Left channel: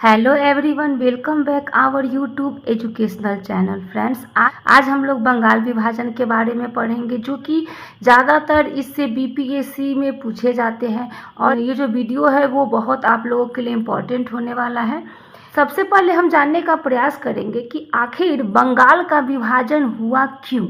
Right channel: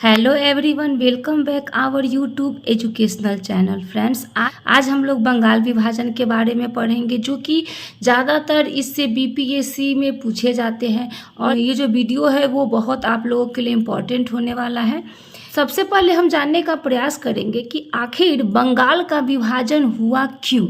Hello everyone, welcome back our YouTube educational channel. Friends, आज हम लोग बंगाल विभाजन के बारे में पढ़ेंगे, जो कि ज़्यादातर इससे बीपीएससी में पूछे जाते हैं। और ये जो वीडियो है वो बहुत आप लोगों के लिए इम्पॉर्टेंट होने वाला है। सबसे पहले हम जानने का प्रयास करेंगे कि आखिर बंगाल का विभाजन हुआ क्यों।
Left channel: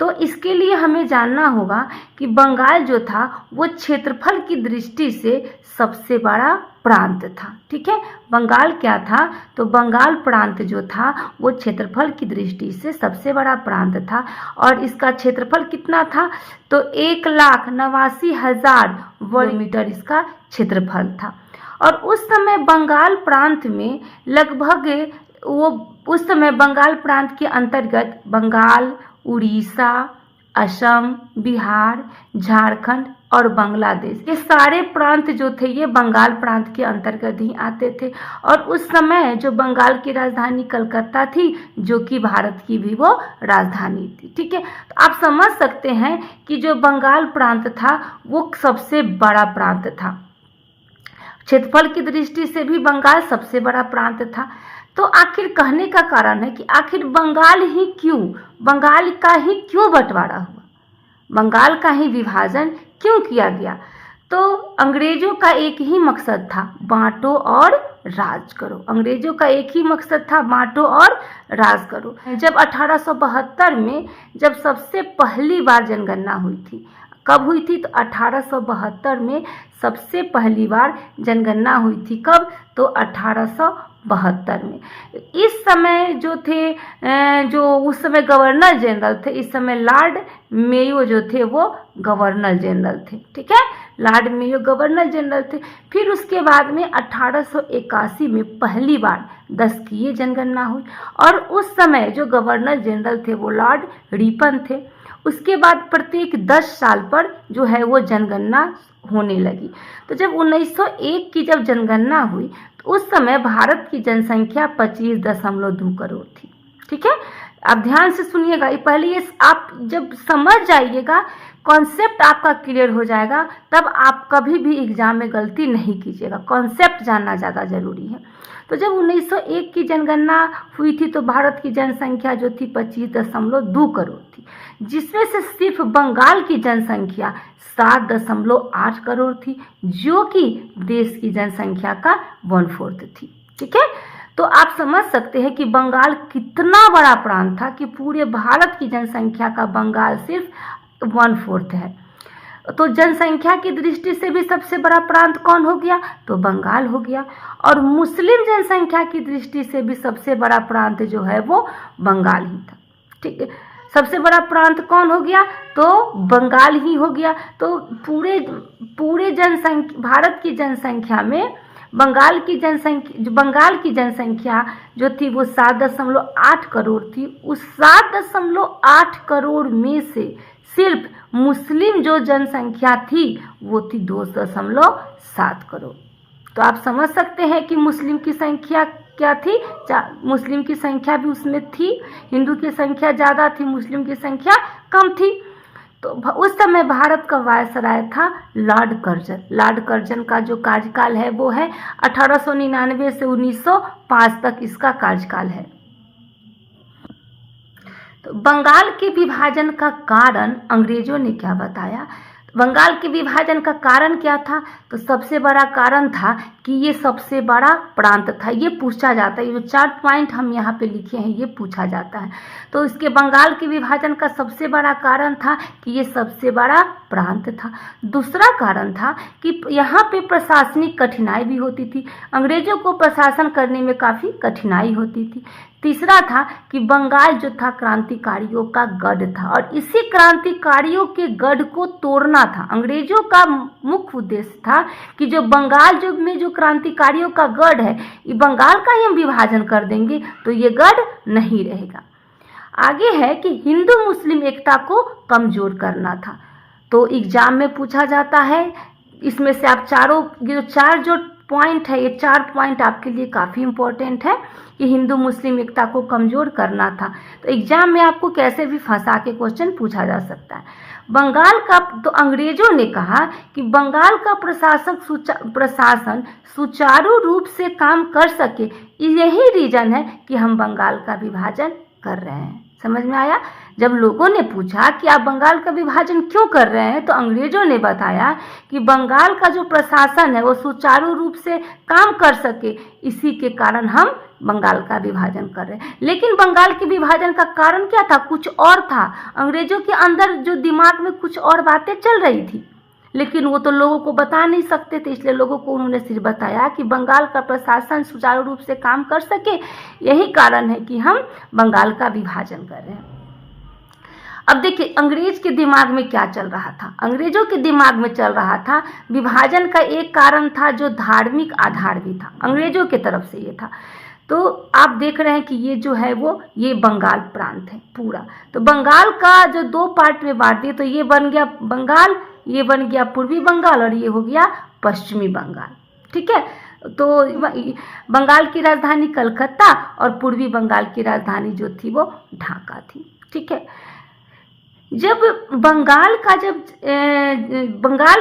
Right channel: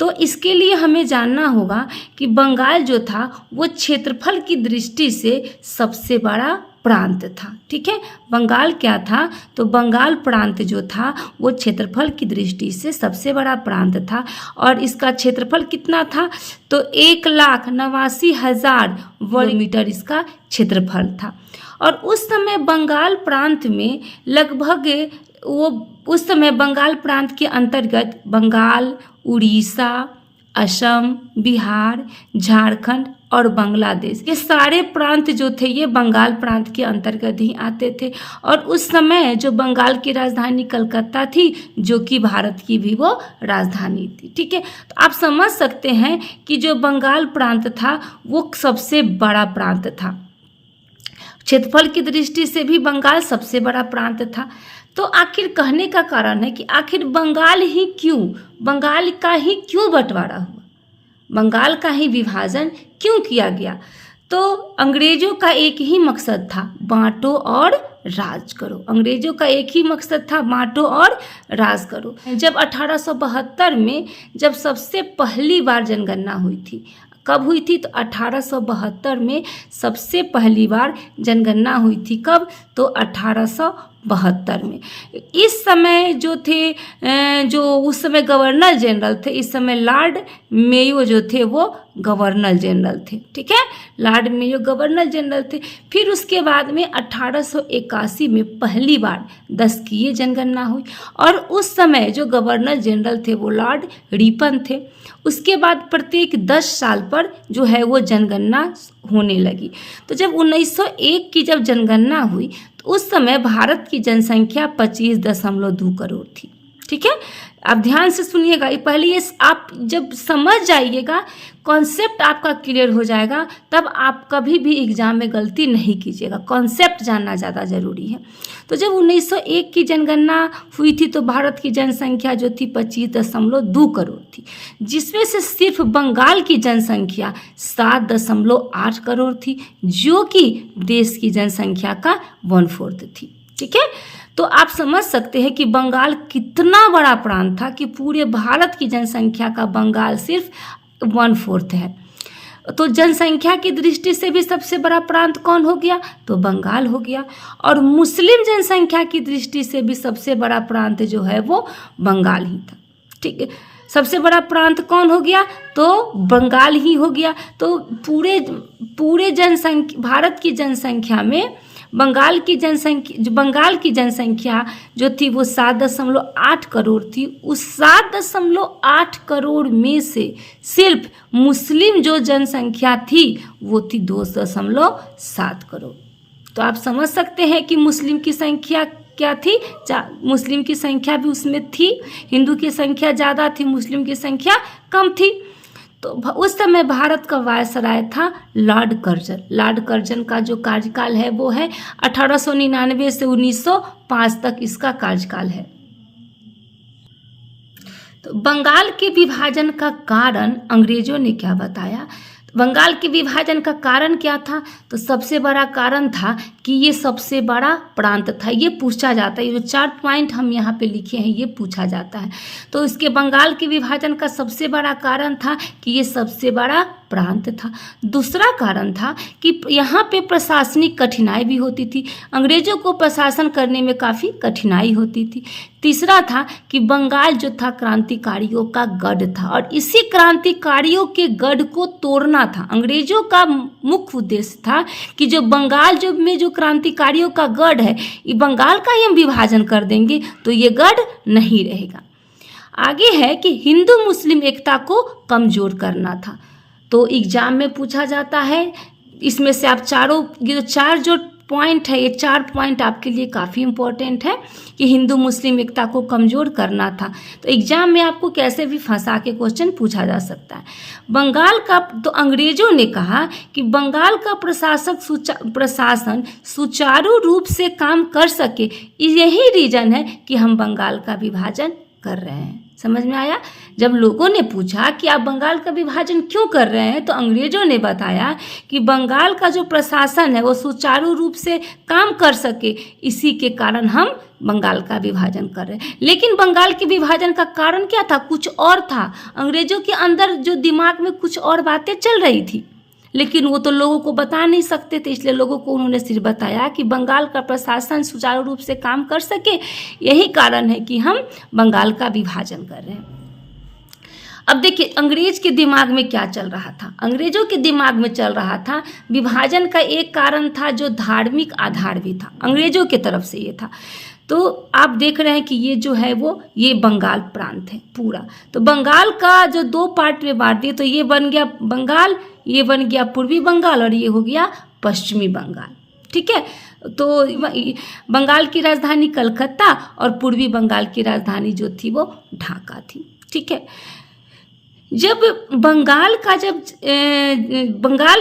तो इसके लिए हमें जानना होगा कि बंगाल जो था वो क्षेत्रफल की दृष्टि से सबसे बड़ा प्रांत था। ठीक है, बंगाल क्या था? तो बंगाल प्रांत जो था वो क्षेत्रफल की दृष्टि से सबसे बड़ा प्रांत था। और इसका क्षेत्रफल कितना था? तो 1,89,000 वर्ग मीटर इसका क्षेत्रफल था। और उस समय बंगाल प्रांत में लगभग उस समय बंगाल प्रांत के अंतर्गत बंगाल, उड़ीसा, असम, बिहार, झारखंड और बांग्लादेश, ये सारे प्रांत जो थे ये बंगाल प्रांत के अंतर्गत ही आते थे। और उस समय जो बंगाल की राजधानी कलकत्ता थी, जो कि भारत की भी वो राजधानी थी। ठीक है, तो आप समझ सकते हैं कि जो बंगाल प्रांत था वो सबसे बड़ा प्रांत था। क्षेत्रफल की दृष्टि से भी बंगाल सबसे बड़ा प्रांत था। तो आखिर कहने का कारण है कि आखिर बंगाल का ही क्यों बंटवारा हुआ, बंगाल का ही विभाजन क्यों किया गया? तो अंग्रेजों का एक ही मकसद था, बांटो और राज करो। अंग्रेजों का एक ही मकसद था, बांटो और राज करो। जब 1872 में जब सबसे पहली बार जनगणना हुई थी, कब हुई थी? तो 1872 में सबसे पहली बार जनगणना हुई थी। कब? तो 1872 में। इस समय जो थे, जो उस समय गवर्नर जनरल थे, इस समय लॉर्ड मेयो जो थे वो गवर्नर जनरल थे। ठीक है, लॉर्ड मेयो गवर्नर जनरल थे। फिर उसके बाद में 1881 में पहली बार 10 की जनगणना हुई। और उस समय जो गवर्नर जनरल थे वो लॉर्ड रिपन थे। उसके बाद प्रत्येक 10 साल पर जो है वो जनगणना होने लगी। तो जब 1901 की जब जनगणना हुई तो उस समय भारत की जनसंख्या 25.2 करोड़ थी। ठीक है, आप ध्यान से सुनिएगा। पहले ये आप जब समझ जाइएगा, कॉन्सेप्ट आपका क्लियर हो जाएगा, तब आप कभी भी एग्जाम में गलती नहीं कीजिएगा। कॉन्सेप्ट जानना ज़्यादा ज़रूरी है। तो जब 1901 की जनगणना हुई थी तो भारत की जनसंख्या जो थी 25.2 करोड़ थी, जिसमें से सिर्फ बंगाल की जनसंख्या 7.8 करोड़ थी, जो कि देश की जनसंख्या का 1/4 थी। ठीक है, तो आप समझ सकते हैं कि बंगाल कितना बड़ा प्रांत था कि पूरे भारत की जनसंख्या का बंगाल सिर्फ 1/4 है। तो जनसंख्या की दृष्टि से भी सबसे बड़ा प्रांत कौन हो गया? तो बंगाल हो गया। और मुस्लिम जनसंख्या की दृष्टि से भी सबसे बड़ा प्रांत जो है वो बंगाल ही था। ठीक है, सबसे बड़ा प्रांत कौन हो गया? तो बंगाल ही हो गया। तो पूरे जनसंख्या, भारत की जनसंख्या में बंगाल की जनसंख्या जो थी वो 7.8 करोड़ थी। उस 7.8 करोड़ में से सिर्फ मुस्लिम जो जनसंख्या थी वो थी 2.7 करोड़। तो आप समझ सकते हैं कि मुस्लिम की संख्या क्या थी? मुस्लिम की संख्या भी उसमें थी। हिंदू की संख्या ज़्यादा थी, मुस्लिम की संख्या कम थी। तो उस समय भारत का वायसराय था लॉर्ड कर्जन। लॉर्ड कर्जन का जो कार्यकाल है वो है 1899 से 1905 तक इसका कार्यकाल है। तो बंगाल के विभाजन का कारण अंग्रेजों ने क्या बताया? बंगाल के विभाजन का कारण क्या था? तो सबसे बड़ा कारण था कि ये सबसे बड़ा प्रांत था। ये पूछा जाता है, ये जो 4 पॉइंट हम यहाँ पे लिखे हैं ये पूछा जाता है। तो इसके बंगाल के विभाजन का सबसे बड़ा कारण था कि ये सबसे बड़ा प्रांत था। दूसरा कारण था कि यहाँ पे प्रशासनिक कठिनाई भी होती थी, अंग्रेजों को प्रशासन करने में काफ़ी कठिनाई होती थी। तीसरा था कि बंगाल जो था क्रांतिकारियों का गढ़ था, और इसी क्रांतिकारियों के गढ़ को तोड़ना था। अंग्रेजों का मुख्य उद्देश्य था कि जो बंगाल में जो क्रांतिकारियों का गढ़ है, ये बंगाल का ही हम विभाजन कर देंगे तो ये गढ़ नहीं रहेगा। आगे है कि हिंदू मुस्लिम एकता को कमजोर करना था। तो एग्जाम में पूछा जाता है, इसमें से आप चारों, ये चार जो पॉइंट है, ये 4 पॉइंट आपके लिए काफ़ी इम्पोर्टेंट है कि हिंदू मुस्लिम एकता को कमज़ोर करना था। तो एग्जाम में आपको कैसे भी फंसा के क्वेश्चन पूछा जा सकता है। बंगाल का तो अंग्रेजों ने कहा कि बंगाल का प्रशासन सुचारू रूप से काम कर सके, यही रीज़न है कि हम बंगाल का विभाजन कर रहे हैं। समझ में आया? जब लोगों ने पूछा कि आप बंगाल का विभाजन क्यों कर रहे हैं, तो अंग्रेजों ने बताया कि बंगाल का जो प्रशासन है वो सुचारू रूप से काम कर सके, इसी के कारण हम बंगाल का विभाजन कर रहे हैं। लेकिन बंगाल के विभाजन का कारण क्या था? कुछ और था। अंग्रेजों के अंदर जो दिमाग में कुछ और बातें चल रही थी, लेकिन वो तो लोगों को बता नहीं सकते थे, इसलिए लोगों को उन्होंने सिर्फ बताया कि बंगाल का प्रशासन सुचारू रूप से काम कर सके, यही कारण है कि हम बंगाल का विभाजन कर रहे हैं। अब देखिए अंग्रेज के दिमाग में क्या चल रहा था। अंग्रेजों के दिमाग में चल रहा था विभाजन का एक कारण था जो धार्मिक आधार भी था, अंग्रेजों की तरफ से ये था। तो आप देख रहे हैं कि ये जो है वो ये बंगाल प्रांत है पूरा। तो बंगाल का जो 2 पार्ट में बांट दिए, तो ये बन गया बंगाल, ये बन गया पूर्वी बंगाल और ये हो गया पश्चिमी बंगाल। ठीक है, तो बंगाल की राजधानी कलकत्ता और पूर्वी बंगाल की राजधानी जो थी वो ढाका थी। ठीक है, जब बंगाल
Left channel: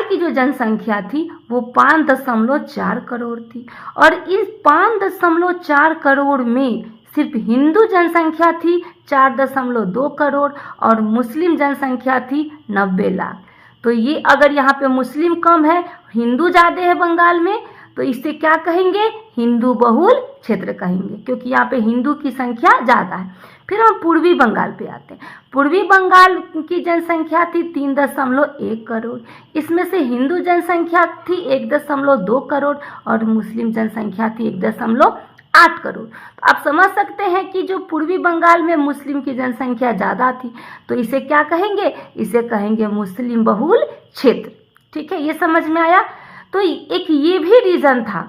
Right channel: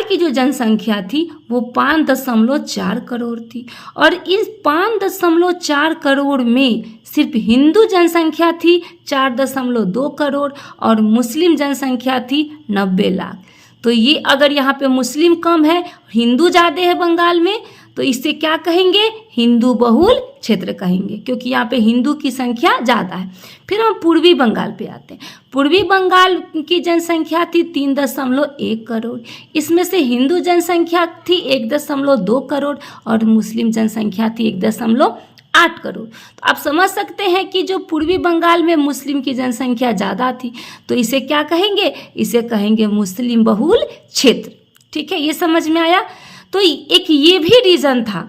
की जो जनसंख्या थी वो 5.4 करोड़ थी, और इस 5.4 करोड़ में सिर्फ हिंदू जनसंख्या थी 4.2 करोड़ और मुस्लिम जनसंख्या थी 90 लाख। तो ये अगर यहाँ पे मुस्लिम कम है, हिंदू ज़्यादा है बंगाल में, तो इसे क्या कहेंगे? हिंदू बहुल क्षेत्र कहेंगे, क्योंकि यहाँ पे हिंदू की संख्या ज़्यादा है। फिर हम पूर्वी बंगाल पे आते हैं। पूर्वी बंगाल की जनसंख्या थी 3.1 करोड़, इसमें से हिंदू जनसंख्या थी 1.2 करोड़ और मुस्लिम जनसंख्या थी 1.8 करोड़। तो आप समझ सकते हैं कि जो पूर्वी बंगाल में मुस्लिम की जनसंख्या ज़्यादा थी, तो इसे क्या कहेंगे? इसे कहेंगे मुस्लिम बहुल क्षेत्र। ठीक है, ये समझ में आया? तो एक ये भी रीज़न था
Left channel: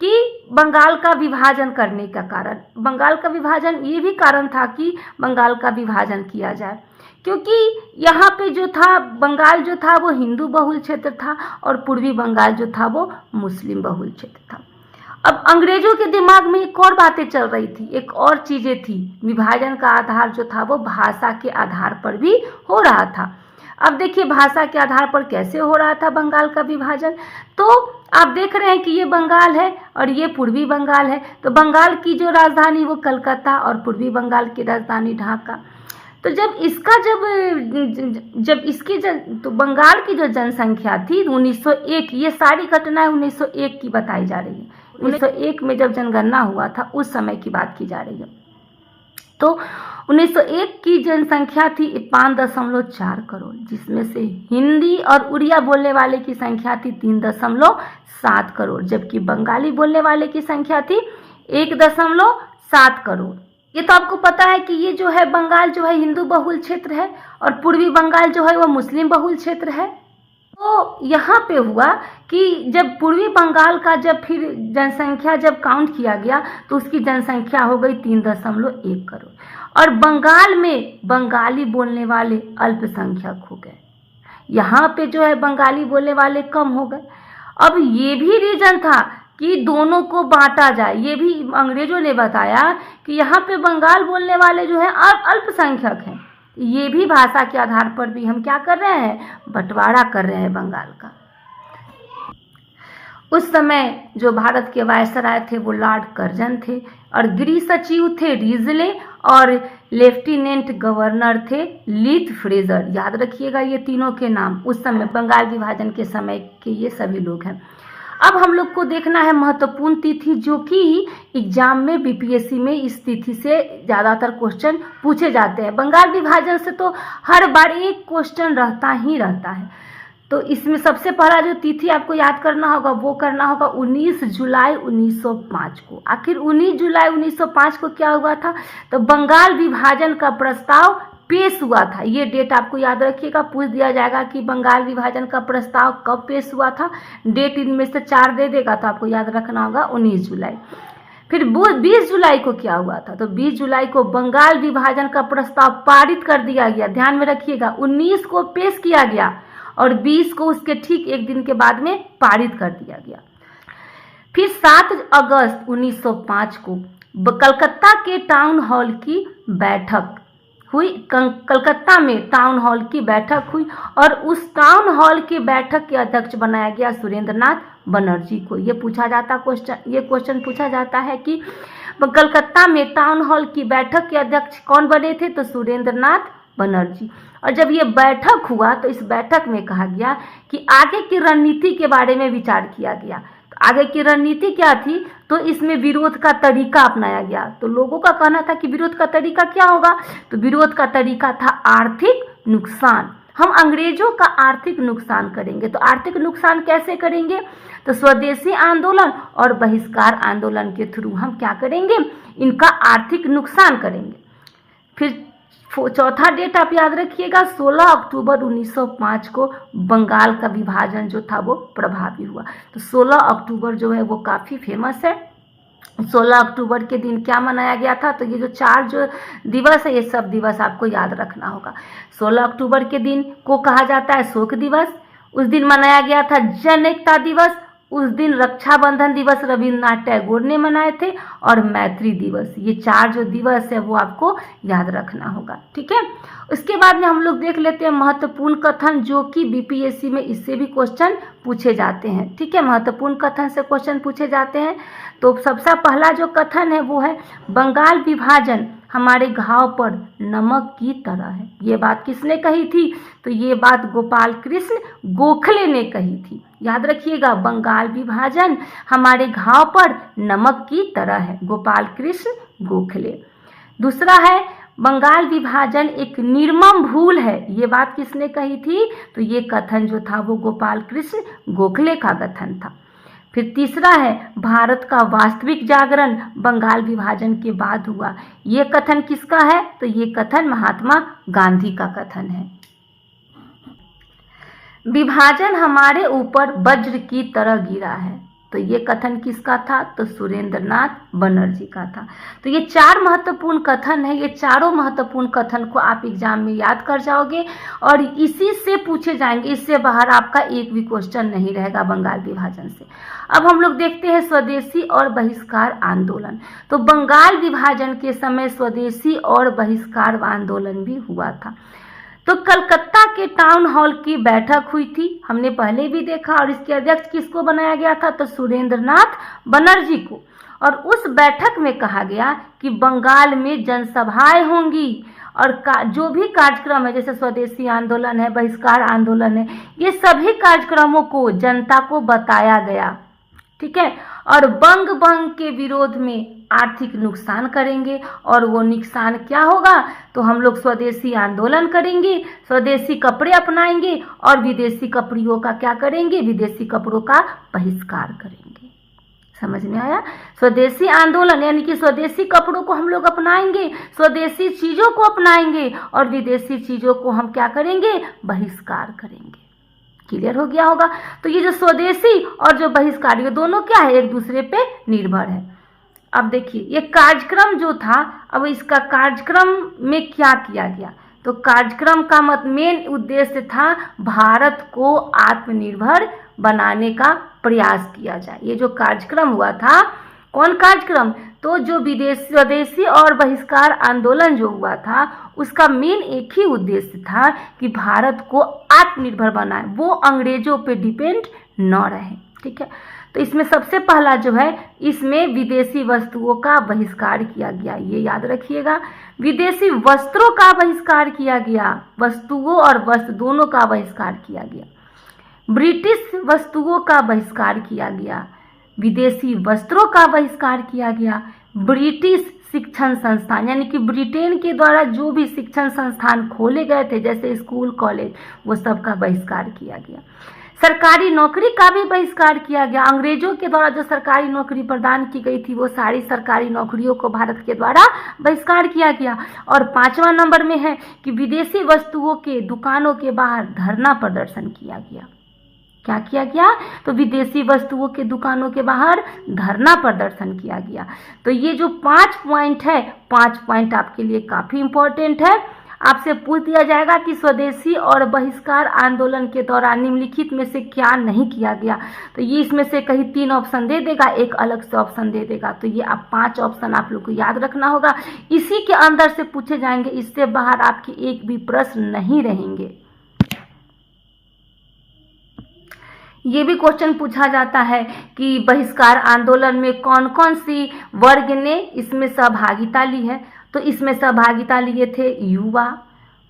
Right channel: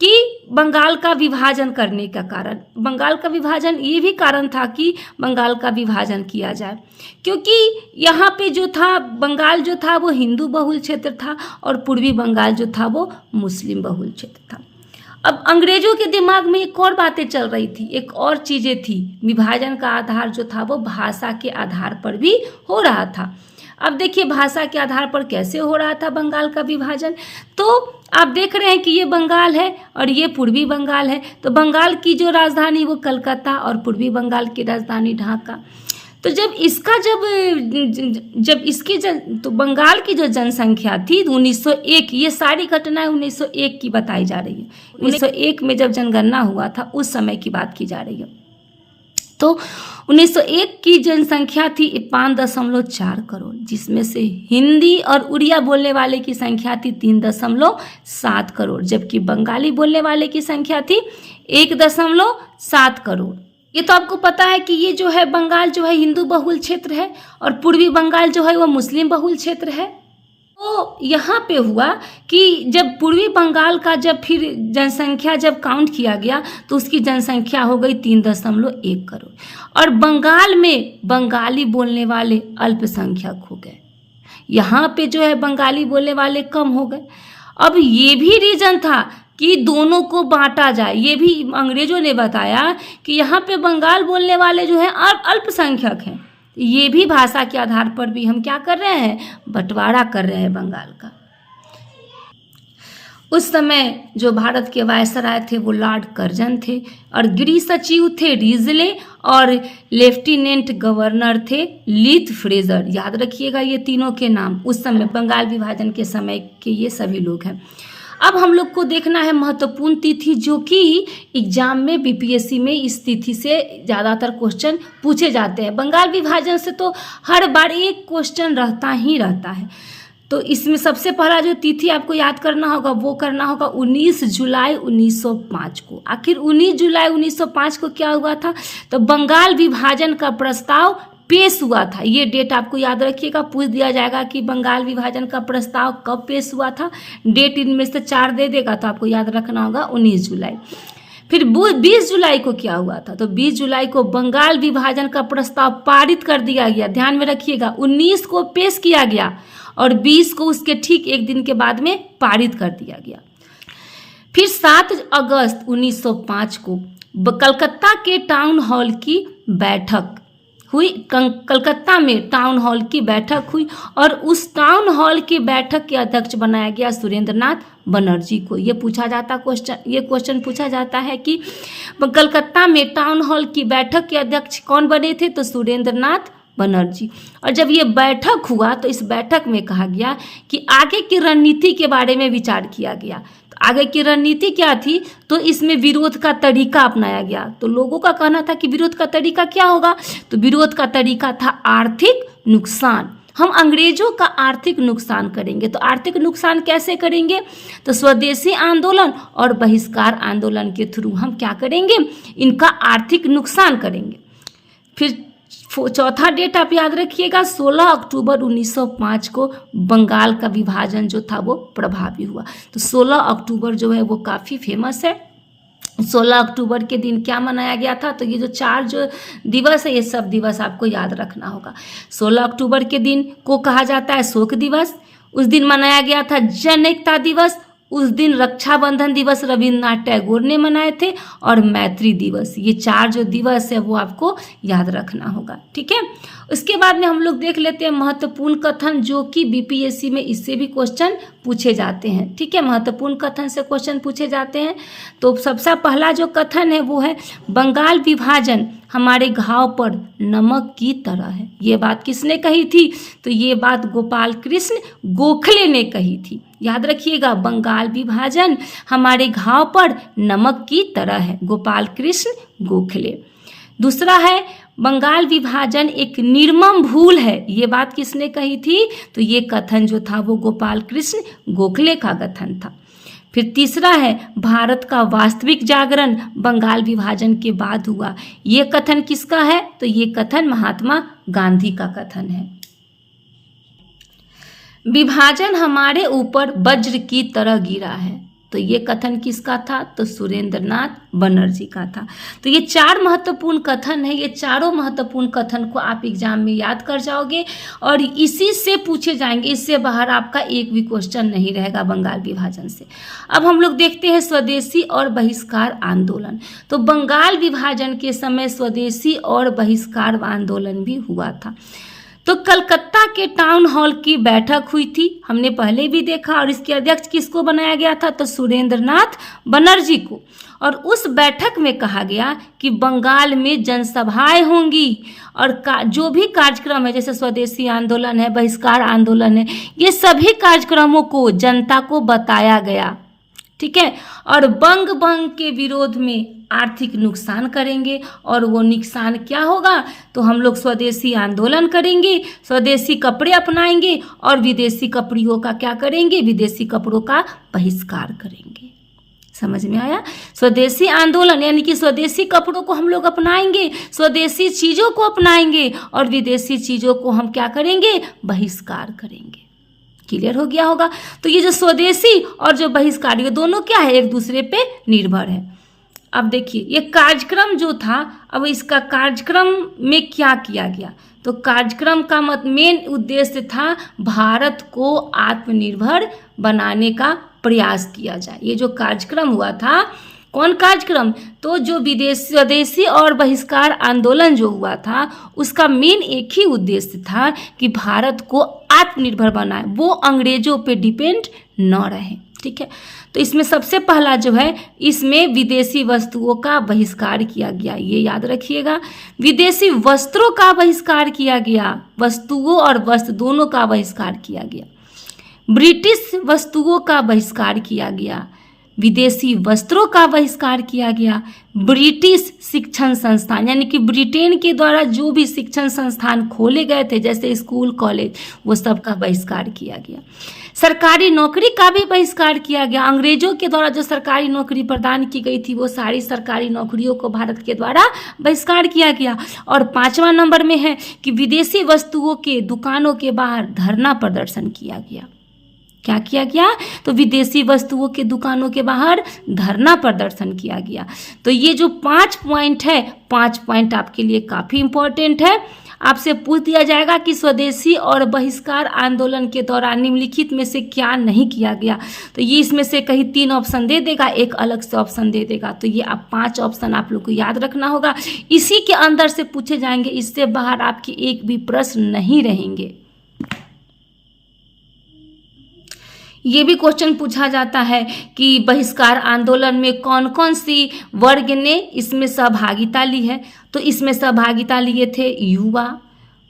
कि बंगाल का विभाजन करने का कारण, बंगाल का विभाजन ये भी कारण था कि बंगाल का विभाजन किया जाए, क्योंकि यहाँ पे जो था बंगाल जो था वो हिंदू बहुल क्षेत्र था और पूर्वी बंगाल जो था वो मुस्लिम बहुल क्षेत्र था। अब अंग्रेजों के दिमाग में एक और बातें चल रही थी, एक और चीज़ें थी। विभाजन का आधार जो था वो भाषा के आधार पर भी हो रहा था। अब देखिए भाषा के आधार पर कैसे हो रहा था बंगाल का विभाजन। तो आप देख रहे हैं कि ये बंगाल है और ये पूर्वी बंगाल है। तो बंगाल की जो राजधानी वो कलकत्ता और पूर्वी बंगाल की राजधानी ढाका। तो तो बंगाल की जो जनसंख्या थी 1901, ये सारी घटनाएं 1901 की बताई जा रही है। 1901 में जब जनगणना हुआ था उस समय की बात की जा रही है। तो 1901 की जनसंख्या थी 5.4 करोड़, जिसमें से हिंदी और उड़िया बोलने वाले की संख्या थी 3.7 करोड़, जबकि बंगाली बोलने वाले की संख्या थी 1.7 करोड़। ये तो आपको पता है कि ये जो है बंगाल जो है हिंदू बहुल क्षेत्र है और पूर्वी बंगाल जो है वो मुस्लिम बहुल क्षेत्र है। तो यहाँ पे हुआ कि जब पूर्वी बंगाल का जब फिर जनसंख्या जब काउंट किया गया तो उसकी जनसंख्या हो गई 3.1 करोड़ और बंगाल में बंगाली बोलने वाले अल्पसंख्यक हो गए। यहाँ पे जो है बंगाली बोलने वाले कम हो गए। अब ये भी रीजन था कि दोनों को बांटा जाए, ये भी अंग्रेजों ने बताया कि यहाँ पे बंगाल बोलने वाले जो हैं अल्पसंख्यक हैं, ये भी भाषा के आधार पर भी हम क्या कर रहे हैं? बंटवारा कर रहे हैं बंगाल का। उस समय जो भारत के वायसराय थे वो लॉर्ड कर्जन थे और गृह सचिव थे रिजले और लेफ्टिनेंट गवर्नर थे लीथ फ्रेजर। याद रखिएगा ये तीनों के नाम, उस समय बंगाल विभाजन के समय के ये सभी लोग हैं। अब हम लोग को देखना है महत्वपूर्ण तिथि, जो कि एग्जाम में बीपीएससी में इस तिथि से ज़्यादातर क्वेश्चन पूछे जाते हैं। बंगाल विभाजन से तो हर बार एक क्वेश्चन रहता ही रहता है। तो इसमें सबसे पहला जो तिथि आपको याद करना होगा वो करना होगा 19 जुलाई 1905 को। आखिर 19 जुलाई 1905 को क्या हुआ था? तो बंगाल विभाजन का प्रस्ताव पेश हुआ था। ये डेट आपको याद रखिएगा, पूछ दिया जाएगा कि बंगाल विभाजन का प्रस्ताव कब पेश हुआ था। डेट इनमें से 4 दे देगा तो आपको याद रखना होगा 19 जुलाई। फिर 20 जुलाई को क्या हुआ था? तो 20 जुलाई को बंगाल विभाजन का प्रस्ताव पारित कर दिया गया। ध्यान में रखिएगा, 19 को पेश किया गया और 20 को उसके ठीक एक दिन के बाद में पारित कर दिया गया। फिर 7 अगस्त 1905 को कलकत्ता के टाउन हॉल की बैठक हुई। कलकत्ता में टाउन हॉल की बैठक हुई और उस टाउन हॉल की बैठक के अध्यक्ष बनाया गया सुरेंद्रनाथ बनर्जी को। ये क्वेश्चन पूछा जाता है कि कलकत्ता में टाउन हॉल की बैठक के अध्यक्ष कौन बने थे, तो सुरेंद्रनाथ बनर्जी। और जब ये बैठक हुआ तो इस बैठक में कहा गया कि आगे की रणनीति के बारे में विचार किया गया। आगे की रणनीति क्या थी, तो इसमें विरोध का तरीका अपनाया गया। तो लोगों का कहना था कि विरोध का तरीका क्या होगा, तो विरोध का तरीका था आर्थिक नुकसान। हम अंग्रेजों का आर्थिक नुकसान करेंगे। तो आर्थिक नुकसान कैसे करेंगे, तो स्वदेशी आंदोलन और बहिष्कार आंदोलन के थ्रू हम क्या करेंगे, इनका आर्थिक नुकसान करेंगे। फिर चौथा डेट आप याद रखिएगा, 16 अक्टूबर 1905 को बंगाल का विभाजन जो था वो प्रभावी हुआ। तो 16 अक्टूबर जो है वो काफ़ी फेमस है। 16 अक्टूबर के दिन क्या मनाया गया था, तो ये जो 4 जो दिवस है ये सब दिवस आपको याद रखना होगा। 16 अक्टूबर के दिन को कहा जाता है शोक दिवस। उस दिन मनाया गया था जन एकता दिवस। उस दिन रक्षाबंधन दिवस रविन्द्रनाथ टैगोर ने मनाए थे और मैत्री दिवस। ये 4 जो दिवस है वो आपको याद रखना होगा, ठीक है। उसके बाद में हम लोग देख लेते हैं महत्वपूर्ण कथन, जो कि बीपीएससी में इससे भी क्वेश्चन पूछे जाते हैं, ठीक है। महत्वपूर्ण कथन से क्वेश्चन पूछे जाते हैं। तो सबसे पहला जो कथन है वो है बंगाल विभाजन हमारे घाव पर नमक की तरह है। ये बात किसने कही थी, तो ये बात गोपाल कृष्ण गोखले ने कही थी। याद रखिएगा, बंगाल विभाजन हमारे घाव पर नमक की तरह है, गोपाल कृष्ण गोखले। दूसरा है बंगाल विभाजन एक निर्मम भूल है। ये बात किसने कही थी, तो ये कथन जो था वो गोपाल कृष्ण गोखले का कथन था। फिर तीसरा है भारत का वास्तविक जागरण बंगाल विभाजन के बाद हुआ। ये कथन किसका है, तो ये कथन महात्मा गांधी का कथन है। विभाजन हमारे ऊपर वज्र की तरह गिरा है, तो ये कथन किसका था, तो सुरेंद्रनाथ बनर्जी का था। तो ये 4 महत्वपूर्ण कथन है। ये चारों महत्वपूर्ण कथन को आप एग्जाम में याद कर जाओगे और इसी से पूछे जाएंगे। इससे बाहर आपका एक भी क्वेश्चन नहीं रहेगा बंगाल विभाजन से। अब हम लोग देखते हैं स्वदेशी और बहिष्कार आंदोलन। तो बंगाल विभाजन के समय स्वदेशी और बहिष्कार आंदोलन भी हुआ था। तो कलकत्ता के टाउन हॉल की बैठक हुई थी, हमने पहले भी देखा। और इसके अध्यक्ष किसको बनाया गया था, तो सुरेंद्रनाथ बनर्जी को। और उस बैठक में कहा गया कि बंगाल में जनसभाएं होंगी और जो भी कार्यक्रम है, जैसे स्वदेशी आंदोलन है, बहिष्कार आंदोलन है, ये सभी कार्यक्रमों को जनता को बताया गया, ठीक है। और बंग के विरोध में आर्थिक नुकसान करेंगे। और वो नुकसान क्या होगा, तो हम लोग स्वदेशी आंदोलन करेंगे, स्वदेशी कपड़े अपनाएंगे और विदेशी कपड़ों का क्या करेंगे, विदेशी कपड़ों का बहिष्कार करेंगे। समझ में आया, स्वदेशी आंदोलन यानी कि स्वदेशी कपड़ों को हम लोग अपनाएंगे, स्वदेशी चीज़ों को अपनाएंगे और विदेशी चीज़ों को हम क्या करेंगे, बहिष्कार करेंगे। क्लियर हो गया होगा। तो ये जो स्वदेशी और जो बहिष्कार, ये दोनों क्या है, एक दूसरे पे निर्भर है। अब देखिए ये कार्यक्रम जो था, अब इसका कार्यक्रम में क्या किया गया, तो कार्यक्रम का मेन उद्देश्य था भारत को आत्मनिर्भर बनाने का प्रयास किया जाए। ये जो कार्यक्रम हुआ था, कौन कार्यक्रम, तो जो स्वदेशी और बहिष्कार आंदोलन जो हुआ था, उसका मेन एक ही उद्देश्य था कि भारत को आत्मनिर्भर बनाए, वो अंग्रेजों पे डिपेंड न रहे, ठीक है। तो इसमें सबसे पहला जो है, इसमें विदेशी वस्तुओं का बहिष्कार किया गया। ये याद रखिएगा, विदेशी वस्त्रों का बहिष्कार किया गया, वस्तुओं और वस्त्र दोनों का बहिष्कार किया गया। ब्रिटिश वस्तुओं का बहिष्कार किया गया, विदेशी वस्त्रों का बहिष्कार किया गया। ब्रिटिश शिक्षण संस्थान यानी कि ब्रिटेन के द्वारा जो भी शिक्षण संस्थान खोले गए थे, जैसे स्कूल कॉलेज, वो सब का बहिष्कार किया गया। सरकारी नौकरी का भी बहिष्कार किया गया। अंग्रेजों के द्वारा जो सरकारी नौकरी प्रदान की गई थी, वो सारी सरकारी नौकरियों को भारत के द्वारा बहिष्कार किया गया। और 5वां नंबर में है कि विदेशी वस्तुओं के दुकानों के बाहर धरना प्रदर्शन किया गया। क्या किया गया? तो विदेशी वस्तुओं के दुकानों के बाहर धरना प्रदर्शन किया गया। तो ये जो 5 पॉइंट है, 5 पॉइंट आपके लिए काफ़ी इंपॉर्टेंट है। आपसे पूछ दिया जाएगा कि स्वदेशी और बहिष्कार आंदोलन के दौरान निम्नलिखित में से क्या नहीं किया गया। तो ये इसमें से कहीं 3 ऑप्शन दे देगा, एक अलग से ऑप्शन दे देगा। तो ये आप 5 ऑप्शन आप लोग को याद रखना होगा। इसी के अंदर से पूछे जाएंगे, इससे बाहर आपके एक भी प्रश्न नहीं रहेंगे। ये भी क्वेश्चन पूछा जाता है कि बहिष्कार आंदोलन में कौन कौन सी वर्ग ने इसमें सहभागिता ली है। तो इसमें सहभागिता लिए थे युवा,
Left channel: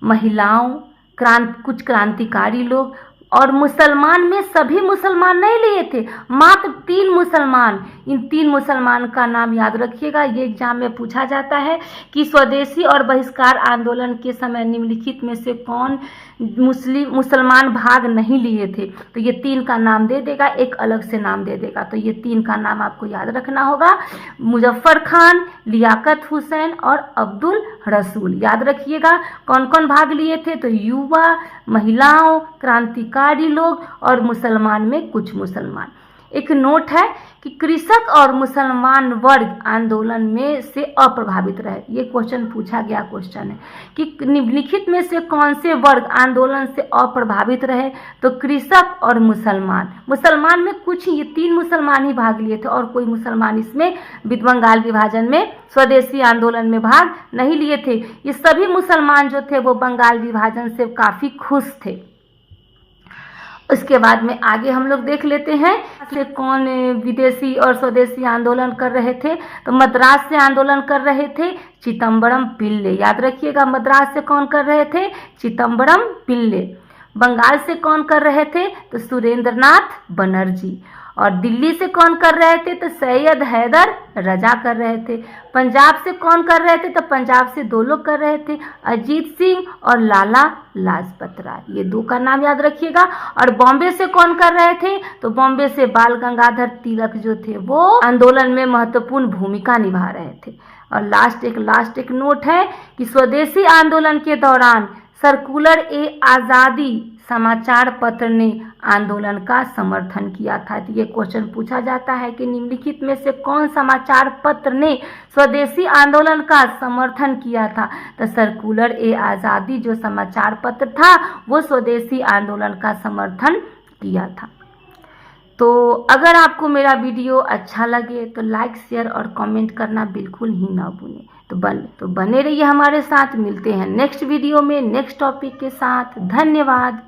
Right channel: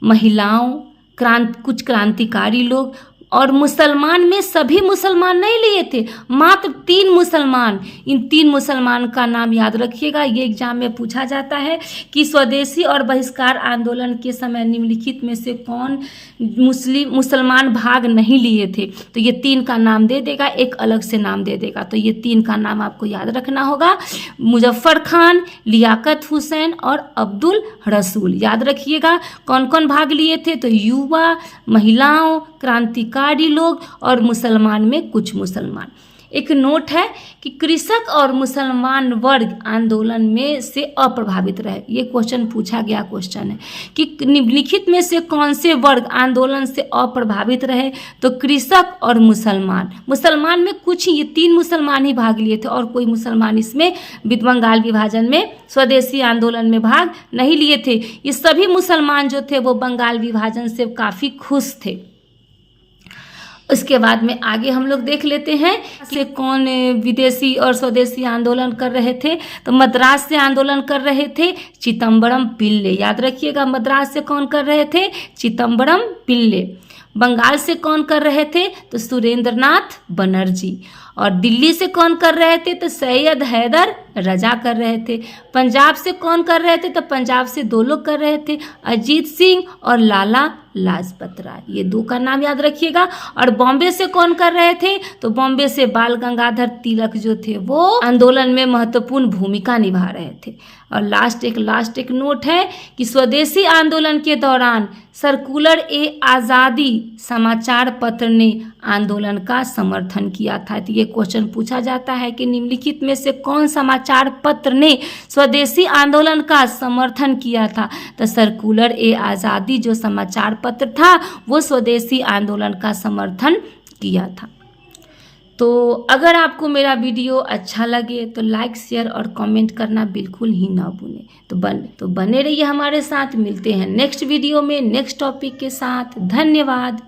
महिलाओं, कुछ क्रांतिकारी लोग और मुसलमान में सभी मुसलमान नहीं लिए थे, मात्र 3 मुसलमान। इन 3 मुसलमान का नाम याद रखिएगा, ये एग्जाम में पूछा जाता है कि स्वदेशी और बहिष्कार आंदोलन के समय निम्नलिखित में से कौन मुसलमान भाग नहीं लिए थे। तो ये 3 का नाम दे देगा, एक अलग से नाम दे देगा। तो ये 3 का नाम आपको याद रखना होगा, मुजफ्फर खान, लियाकत हुसैन और अब्दुल रसूल। याद रखिएगा कौन कौन भाग लिए थे। तो युवा, महिलाओं, क्रांतिकारी लोग और मुसलमान में कुछ मुसलमान। एक नोट है कि कृषक और मुसलमान वर्ग आंदोलन में से अप्रभावित रहे। ये क्वेश्चन पूछा गया क्वेश्चन है कि निम्नलिखित में से कौन से वर्ग आंदोलन से अप्रभावित रहे। तो कृषक और मुसलमान। मुसलमान में कुछ ही, ये 3 मुसलमान ही भाग लिए थे और कोई मुसलमान इसमें बंगाल विभाजन में स्वदेशी आंदोलन में भाग नहीं लिए थे। ये सभी मुसलमान जो थे वो बंगाल विभाजन से काफ़ी खुश थे। उसके बाद में आगे हम लोग देख लेते हैं कि कौन विदेशी और स्वदेशी आंदोलन कर रहे थे। तो मद्रास से आंदोलन कर रहे थे चिदम्बरम पिल्ले। याद रखिएगा, मद्रास से कौन कर रहे थे? चिदम्बरम पिल्ले। बंगाल से कौन कर रहे थे? तो सुरेंद्रनाथ बनर्जी। और दिल्ली से कौन कर रहे थे? तो सैयद हैदर रजा कर रहे थे। पंजाब से कौन कर रहे थे? तो पंजाब से 2 लोग कर रहे थे, अजीत सिंह और लाला लाजपत राय। ये 2 का नाम याद रखिएगा। और बॉम्बे से कौन कर रहे थे? तो बॉम्बे से बाल गंगाधर तिलक जो थे वो आंदोलन में महत्वपूर्ण भूमिका निभा रहे थे। और लास्ट एक नोट है कि स्वदेशी आंदोलन के दौरान सर्कुलर ए आज़ादी समाचार पत्र ने आंदोलन का समर्थन किया था। तो ये क्वेश्चन पूछा जाता है कि निम्नलिखित में से कौन समाचार पत्र ने स्वदेशी आंदोलन का समर्थन किया था। तो सर्कुलर ए आज़ादी जो समाचार पत्र था वो स्वदेशी आंदोलन का समर्थन किया था। तो अगर आपको मेरा वीडियो अच्छा लगे तो लाइक, शेयर और कमेंट करना बिल्कुल ही ना भूलें। तो बने रहिए हमारे साथ। मिलते हैं नेक्स्ट वीडियो में नेक्स्ट टॉपिक के साथ। धन्यवाद।